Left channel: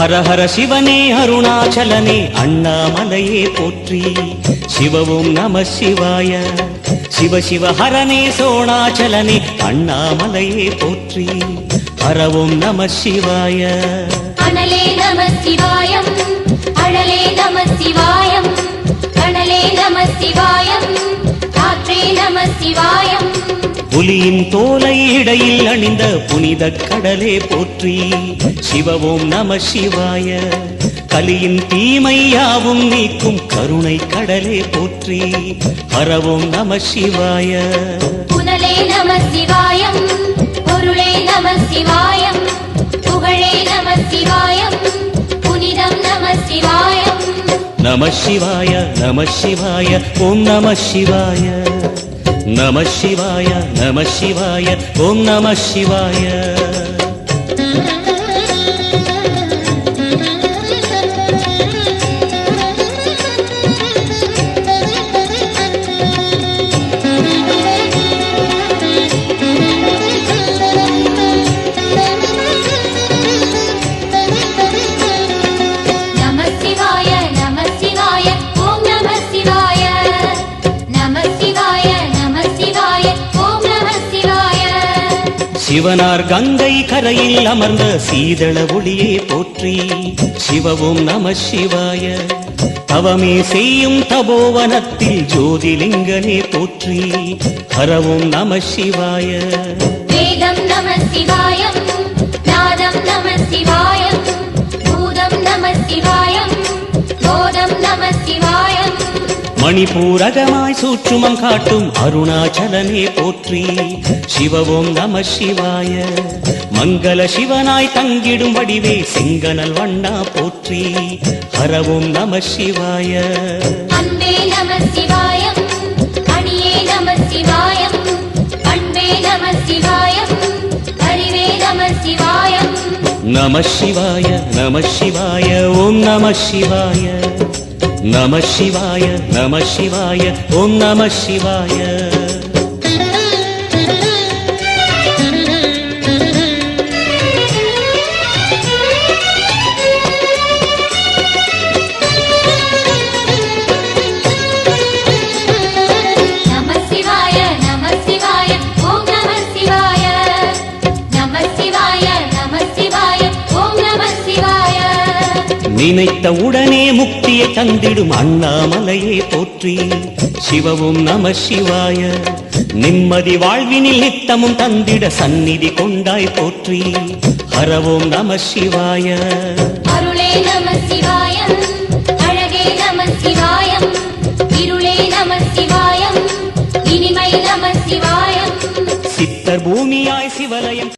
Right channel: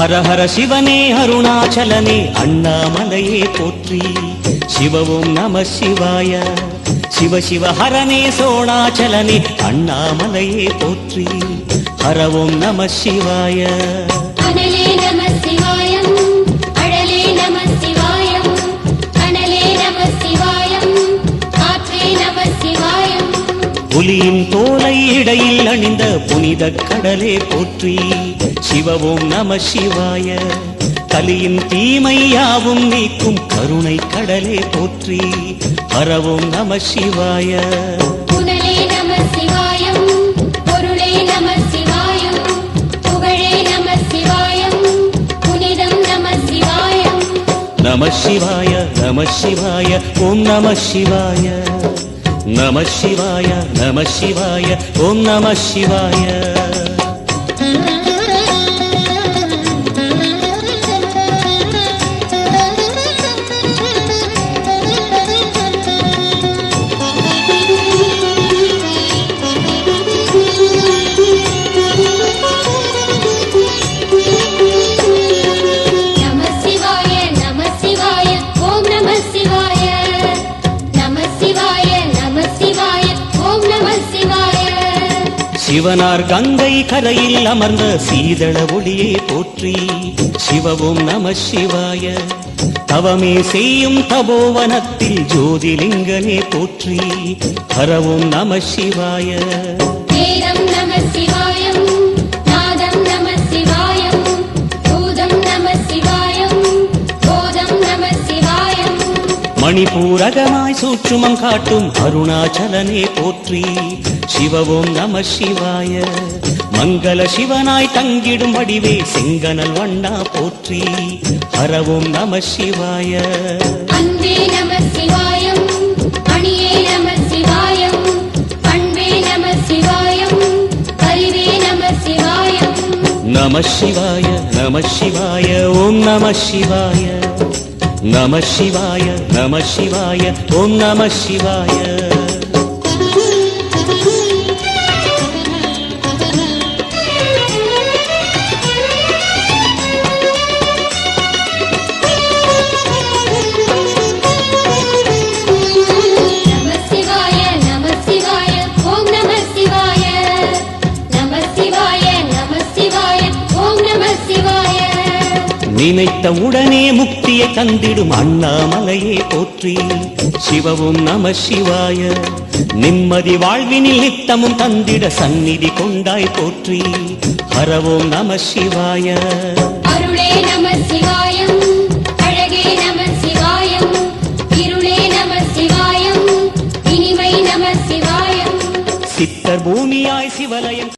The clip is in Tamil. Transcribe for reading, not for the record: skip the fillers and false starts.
ஹர ஹர சிவனே அருணாச்சலனே அண்ணாமலையே போற்றி. சிவவும் நம சிவாய. சிவ சிவ ஹரனே சோணாச்சலனே அண்ணாமலையே போற்றி. ஹரவும் நம சிவாய. அனலே நம சிவாயம், அழலே நம சிவாயம், கனலே நம சிவாயம், காற்றே நம சிவாயம். புலியின் தோலை இடையில் அணிந்த புனித கடலே போற்றி. சிவவும் நம சிவாய. கலியின் தீமையாவும் நீக்கும் கருணை கடலே போற்றி. ஹரவும் நம சிவாய. புனலே நம சிவாயம், பொருளே நம சிவாயம், புகழே நம சிவாயம், புனிதம் நம சிவாயம். நம சிவாய நம சிவாய ஓம் நம சிவாய. நம சிவாய நம சிவாய ஓம் நம சிவாய. நம சிவாய நம சிவாய ஓம் நம சிவாய. நம சிவாய நம சிவாய ஓம் நம சிவாய. சிவனார் கங்கை கரையில் அமர்ந்த சீதள ஒளியே போற்றி. சிவவும் நம சிவாய. தவமே செய்யும் தபோவனத்தில் ஜோதிலிங்கனே போற்றி. ஹரவும் நம சிவாய. வேதம் நம சிவாயம், நாதம் நம சிவாயம், பூதம் நம சிவாயம், போதம் நம சிவாயம். மணிபூரகமாய் சூற்றுமம் காட்டும் அருணாச்சலனே போற்றி. சிவவும் நம சிவாய. மங்கள சிவனாய் தங்கிடும் வடிவே செங்கனல் வண்ணா போற்றி. ஹரவும் நம சிவாய. அன்பே நம சிவாயம், அணியே நம சிவாயம், அன்பே நம சிவாயம், அறிவே நம சிவாயம். நம சிவாய நம சிவாய ஓம் நம சிவாய. நம சிவாய நம சிவாய ஓம் நம சிவாய. நம சிவாய நம சிவாய ஓம் நம சிவாய. நம சிவாய நம சிவாய ஓம் நம சிவாய. நினைத்த உடனே முக்தியை தந்திடும் அண்ணாமலையே போற்றி. சிவவும் நம சிவாய. நிம்மதி வாழ்வினில் நித்தமும் தந்திட சந்நிதி கொண்டாய் போற்றி. ஹரவும் நம சிவாய. அருளே நம சிவாயம், அழகே நம சிவாயம், இருளே நம சிவாயம், இனிமை நம சிவாயம். சித்தர் பூமியாய் சிவலயம்